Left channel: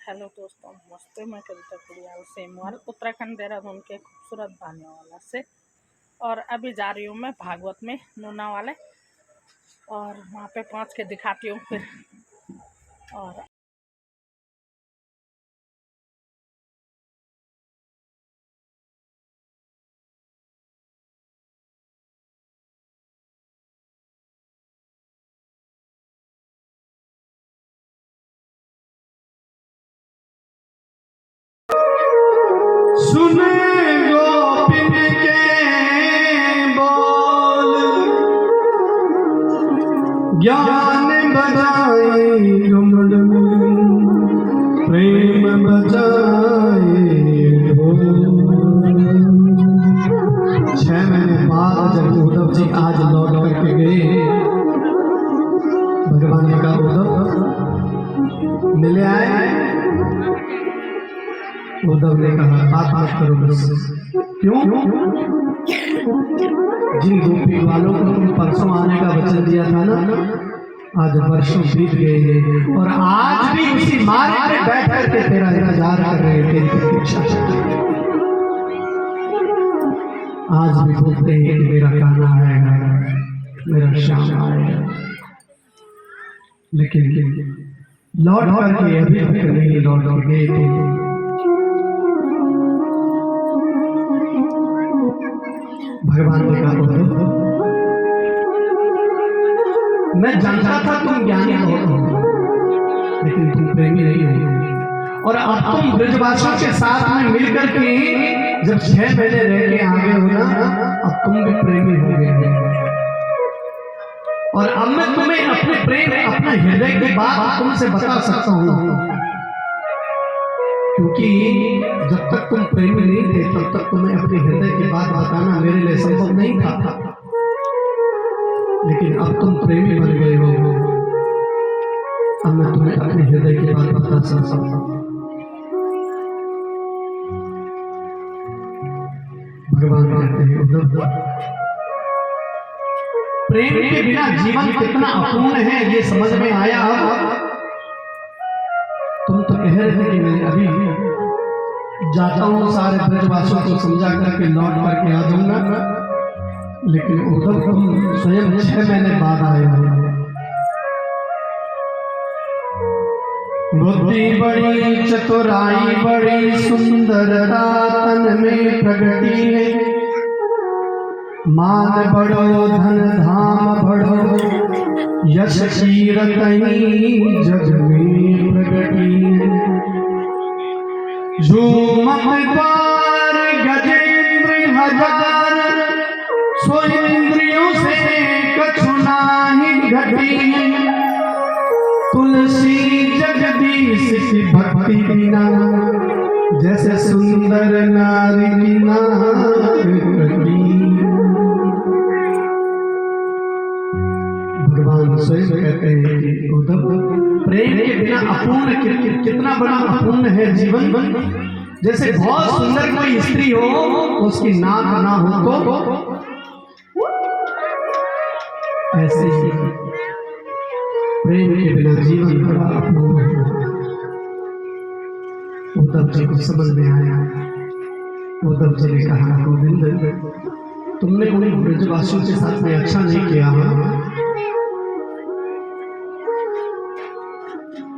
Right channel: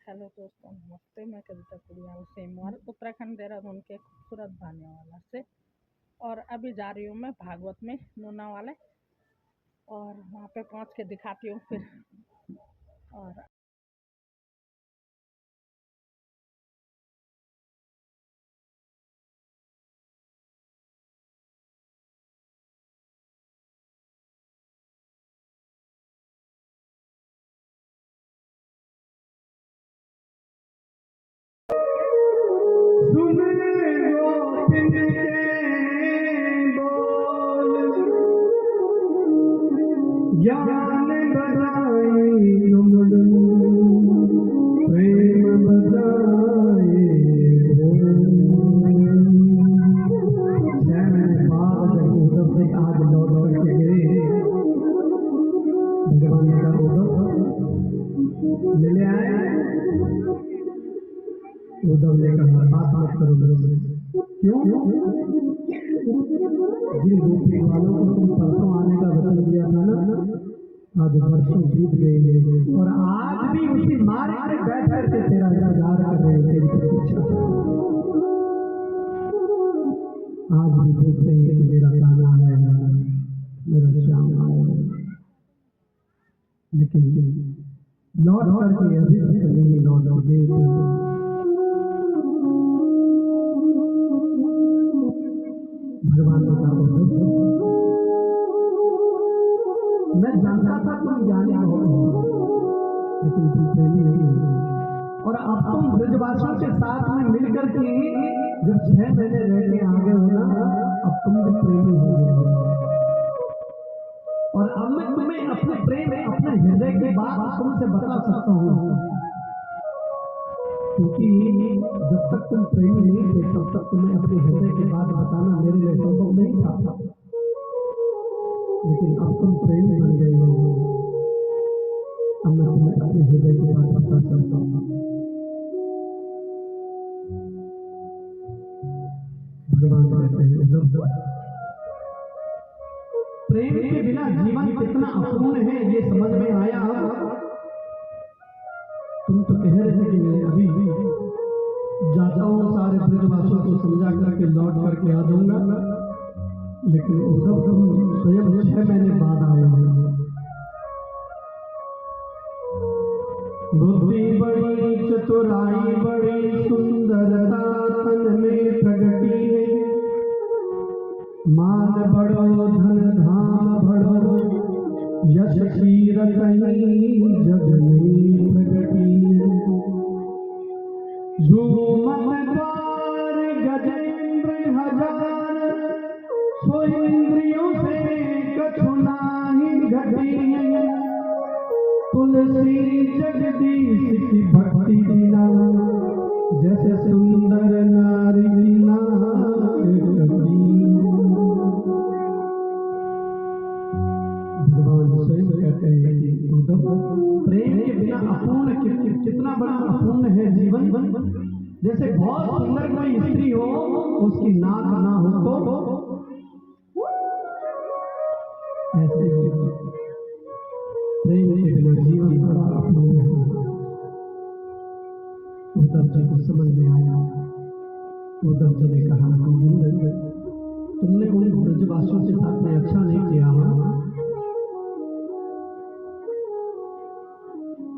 Hello दोस्तों, नमस्ते। मैं कविता कुड़ियाल सेमवार उत्तराखंड देहरादून के खूबसूरत भानेवाला से। और अभी जा रही हूँ मैं भागवत में नूना वाले, और वहाँ पे पहुँच के दिखाती हूँ फिर। और सुने गोपिन के बोल, ज्ञान बजाए कमल में, प्रेम बजाए हो। 6 महीने बाद जब उद्धव जी आज लौट करके गए, भगवान ने कहा उद्धव मिले आए। उद्धव ने कहा बात करो मुझसे। क्यों? जिन गोपी वालों को तुम परसों आने का वचन दिया था ना, आज वर्षों बीत गए और आज भी उसी मार्ग पे बैठ करके तेरा इंतजार कर रहे, तेरी प्रतीक्षा कर रहे। आज भी बोलते हैं कि मेरा कान्हा आएगा, मेरा श्याम आएगा, लेकिन लौट करके अभी तक नहीं लौट के गए। भगवान ने कहा मैं जानता था तुम ज्ञानी हो, लेकिन तुम प्रेमी नहीं हो। और अब तुम ब्रजवासियों के साथ में मिलकर के जब 6 महीने रह के आ गए हो ना, अब तुम भी प्रेमी हो गए। और अब मैं तुम्हें अपने प्रेम, अपना हृदय की बात तुमसे बता सकता हूँ, क्योंकि जब तक तुम प्रेमी नहीं थे तब तक तुम्हें अपने हृदय की बात बताना मेरे लिए संभव नहीं था। लेकिन अब तुम प्रेमी बन गए हो, अब मैं तुम्हें अपने हृदय की बात बता सकता हूँ। भगवान कहते हैं उद्धव, प्रेम के बिना जीवन कितना अपूर्ण है ये समझ में आया। तुम तो कह रहे थे कि मैं अभी जाता हूँ, सारे ब्रजवासियों को समझा करके लौट करके आ जाऊंगा, लेकिन उद्धव तुम स्वयं 6 महीने बाद आए हो। बुद्धि बड़ी चतुराई बड़ी सुंदरता तन में प्रगति है, मान बड़ो धन धाम बड़ो, यश कीरतनी जग में प्रगति है। झूमत द्वार गजेंद्र हजार, सो इंद्रियों से कछु नाही घटी। तुलसी जगदीश की भक्ति बिना, जैसे सुंदर नारी बिना घटी। भगवान स्वयं कहते हैं कि उद्धव, प्रेम के बिना अपूर्ण कितना बड़ा अपूर्ण है जीवन। जैसे बहुत सुंदर कोई स्त्री हो, उसकी नाक ना हो तो ऐसे ही प्रेम के बिना जीवन बड़ा अपूर्ण है। उद्धव जी को समझ में आया। उद्धव जी ने कहा गोविंद, तुमने उन ब्रजवासियों के साथ में अच्छा नहीं किया,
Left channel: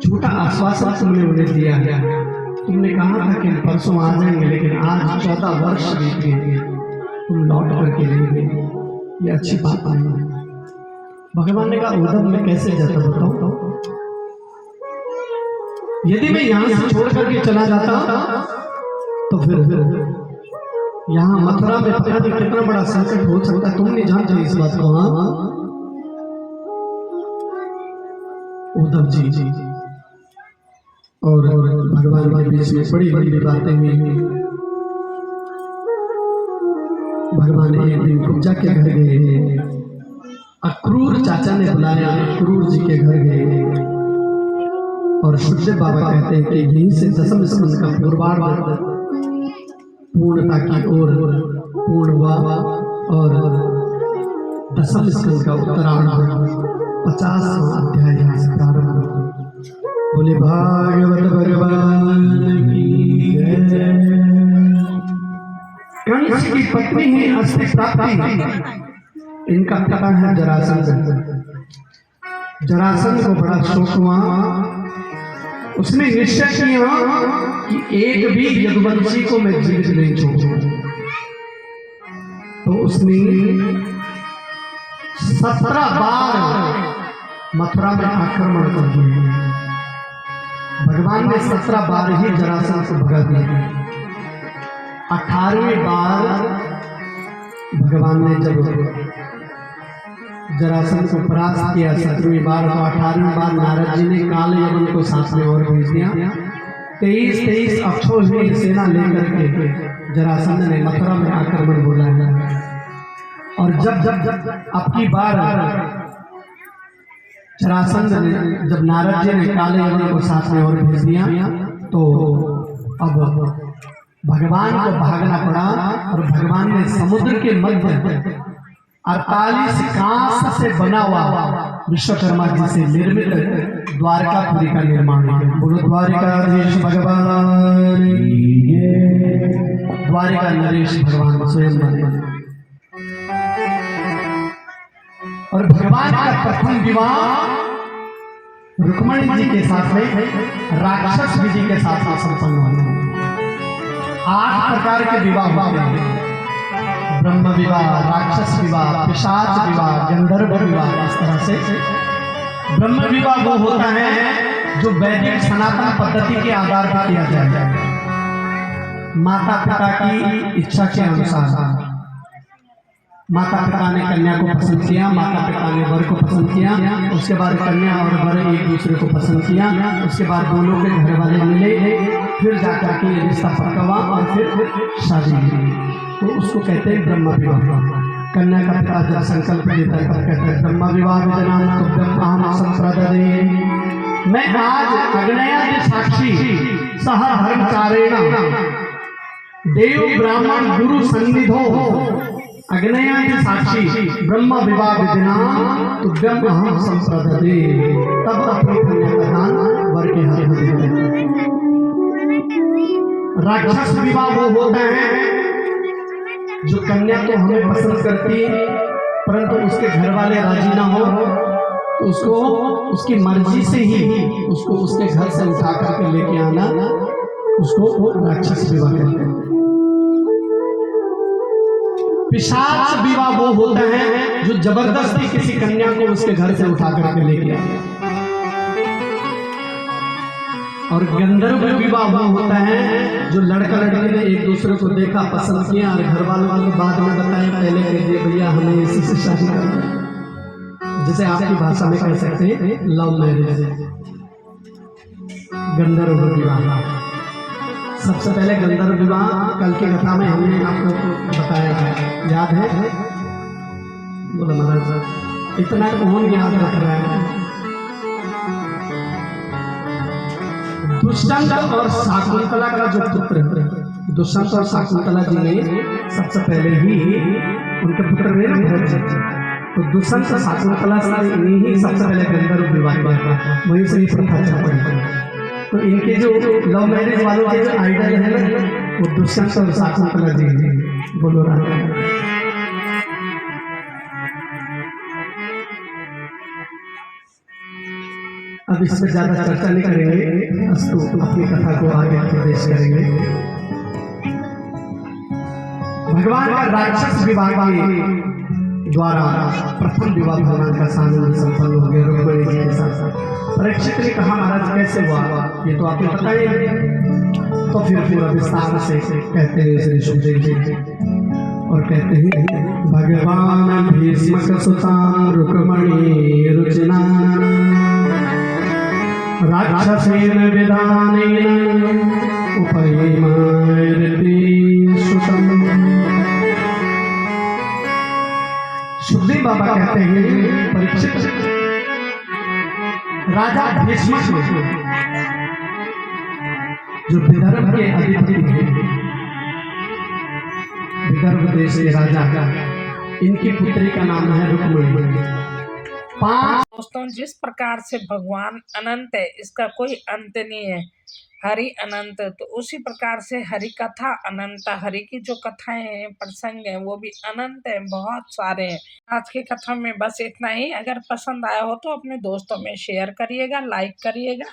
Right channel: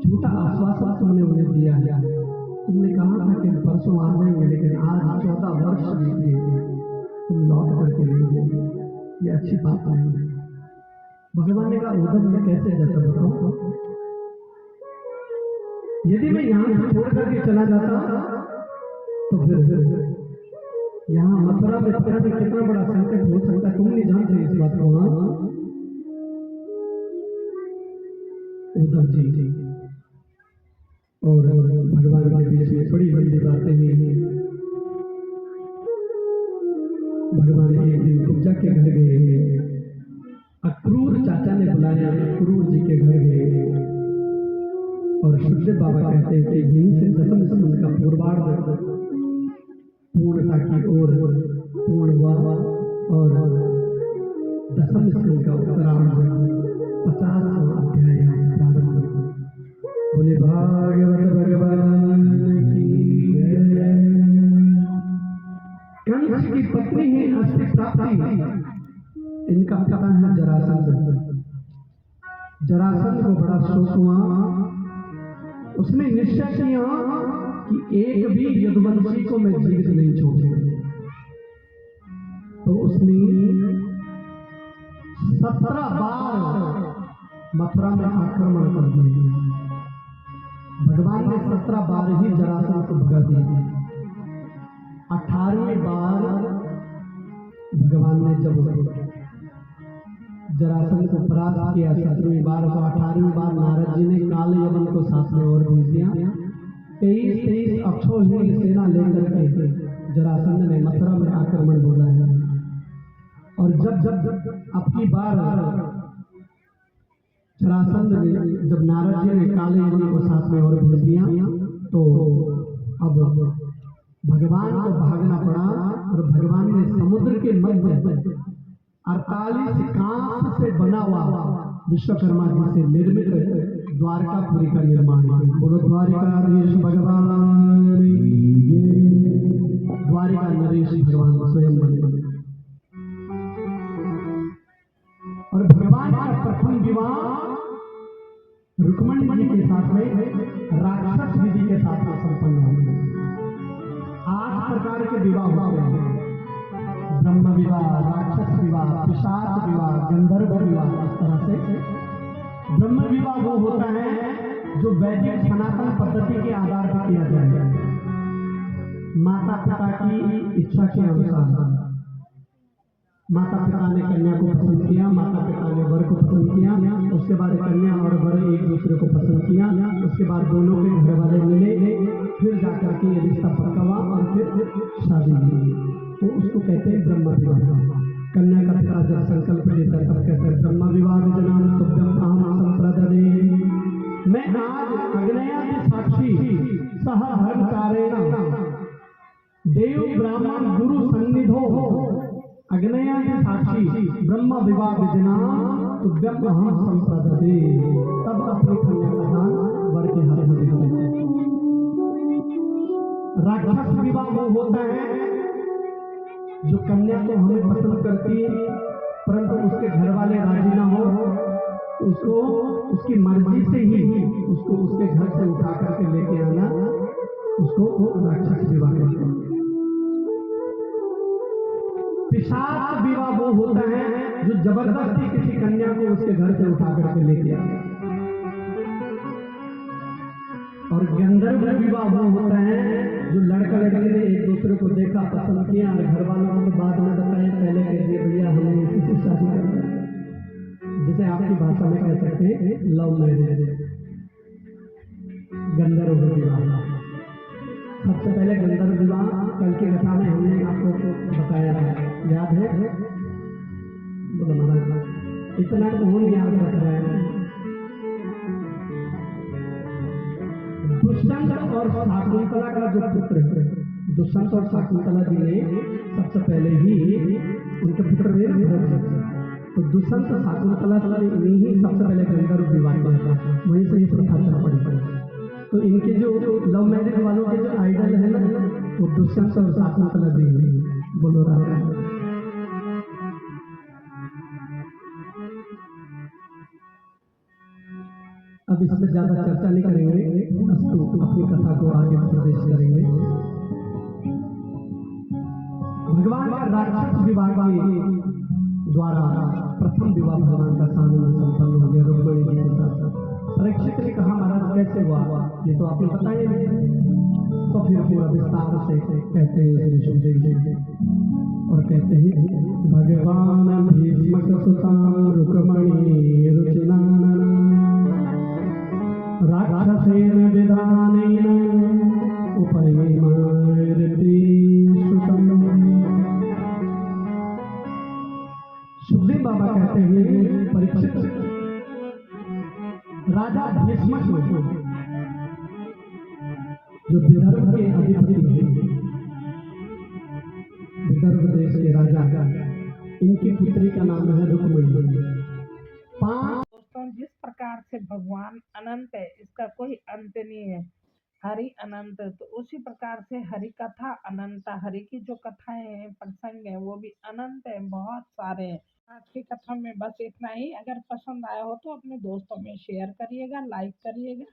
झूठा आश्वासन तुमने उन्हें दिया है। तुमने कहा था कि परसों आ जाएंगे, लेकिन आज 14 वर्ष बीत गए, तुम लौट करके नहीं गए, ये अच्छी बात नहीं है। भगवान ने कहा उद्धव मैं कैसे जाता बताओ, यदि मैं यहाँ से छोड़ करके चला जाता तो फिर यहाँ मथुरा में पता नहीं कितना बड़ा संकट हो सकता है। तुम नहीं जानते इस बात को। हाँ उद्धव जी और भगवान के बीच में बड़ी बड़ी बातें हुई। भगवान एक दिन कुब्जा के घर गए, अक्रूर चाचा ने बुलाया, अक्रूर जी के घर गए और सुखदेव बाबा कहते हैं कि यहीं से दशम स्कंद का पूर्वार्ध पूर्णता की ओर पूर्ण हुआ और दशम स्कंद का उत्तरार्ध 50वां अध्याय यहाँ से प्रारंभ हुआ। बोले भागवत भगवान की जय। कंस की पत्नी है अस्ति प्राप्ति, इनका पिता है जरासंध। जरासंध को बड़ा शौक हुआ, उसने निश्चय किया कि एक भी यदुवंशी को मैं जीवित नहीं छोड़ूंगा। तो उसने 17 बार मथुरा में आक्रमण कर दिया। भगवान ने 17 बार ही जरासंध को भगा दिया। 18वें बार भगवान ने जब जरासंध को परास्त किया, 17वीं बार, तो 18वीं बार नारद जी ने काल यवन को साथ में और भेज दिया। 23 अक्षौहिणी सेना लेकर के जरासंध ने मथुरा में आक्रमण बोला है। और जब आपकी बार जरासंध ने, जब नारद जी ने काले यवन को साथ में और भेज दिया, तो अब भगवान को भागना पड़ा। और भगवान ने समुद्र के मध्य 48 कांस से बना हुआ विश्वकर्मा जी से निर्मित द्वारकापुरी का निर्माण किया। बोलो द्वारिकाधीश भगवान की जय। द्वारिका नरेश भगवान स्वयं बने। और भगवान का प्रथम विवाह रुक्मणी जी के साथ में राक्षस विधि के साथ संपन्न हुआ। 8 प्रकार के विवाह हुए, ब्रह्म विवाह, राक्षस विवाह, पिशाच विवाह, गंधर्व विवाह। इस तरह से ब्रह्म विवाह वो होता है जो वैदिक सनातन पद्धति के आधार पर किया जाता है। माता पिता की इच्छा के अनुसार माता पिता ने कन्या को पसंद किया, माता पिता ने वर को पसंद किया, उसके बाद कन्या और वर एक दूसरे को पसंद किया, उसके बाद दोनों के घर वाले मिले, फिर जाकर के ये रिश्ता पक्का हुआ और फिर शादी हुई। तो उसको कहते हैं ब्रह्म विवाह। कन्या का पिता जब संकल्प लेता है कहते हैं ब्रह्म विवाह विजनाम तुभ्यम अहम संप्रददे। मैं आज अग्नया साक्षी सह धर्मचारेण देव ब्राह्मण गुरु सन्निधो अग्नया के साक्षी ब्रह्म विवाह विधिनाम तुभ्यम अहम संप्रददे। तब अपनी कन्या का दान वर के हाथ में देते हैं। राक्षस विवाह वो होता है जो कन्या तो हमें पसंद करती है परंतु उसके घर वाले राजी ना हो, तो उसको उसकी मर्जी से ही उसको उसके घर से उठा करके लेके आना, उसको राक्षस विवाह कहते हैं। पिशाच विवाह वो होता है जो जबरदस्ती किसी कन्या को उसके घर से उठा करके लेके आए। और गंधर्व विवाह वो होता है जो लड़का लड़की ने एक दूसरे को देखा, पसंद किया और घर वालों को बाद में बताया, पहले कह दिए भैया हमें इसी से शादी करना है, जिसे आपकी भाषा में कह सकते हैं लव मैरिज। गंधर्व विवाह, सबसे पहले गंधर्व विवाह कल की कथा में हमने आपको बताया है, याद है? बोलो महाराज, इतना कौन याद रख रहा है? दुष्यंत और शाकुंतला का जो पुत्र है, दुष्यंत और शाकुंतला जी ने सबसे पहले ही उनके पुत्र ने भरत जी, तो दुष्यंत और शाकुंतला से ही सबसे पहले गंधर्व विवाह हुआ था, वही से प्रथा चल पड़ी। तो इनके जो लव मैरिज वालों के जो आइडल है ना, वो दुष्यंत और शाकुंतला जी हैं। बोलो राधा। अब इस पर ज्यादा चर्चा नहीं करेंगे, अस्तु अपनी कथा को आगे प्रवेश करेंगे। भगवान का राक्षस विवाह के द्वारा प्रथम विवाह भगवान का सामने संपन्न हो गया रुक्मिणी जी के साथ। परीक्षित ने कहा महाराज कैसे हुआ, ये तो आपको पता ही है। तो फिर विस्तार से कहते हैं श्री सुखदेव जी, और कहते हैं भगवान भीष्म सुतां रुक्मिणी रुचिना राक्षसेन विधानेन उपयेमायति सुतम्। सुखदेव बाबा कहते हैं परीक्षित, राजा भीष्म जो विदर्भ के अधिपति थे, विदर्भ देश के राजा, इनकी पुत्री का नाम है रुक्मिणी। 5 दोस्तों दोस्तों, जिस प्रकार से भगवान अनंत है, इसका कोई अंत नहीं है, हरि अनंत, तो उसी प्रकार से हरि कथा अनंत, हरि की जो कथाएं हैं, प्रसंग हैं, वो भी अनंत है, बहुत सारे हैं। आज की कथा में बस इतना ही। अगर पसंद आया हो तो अपने दोस्तों में शेयर करिएगा, लाइक करिएगा।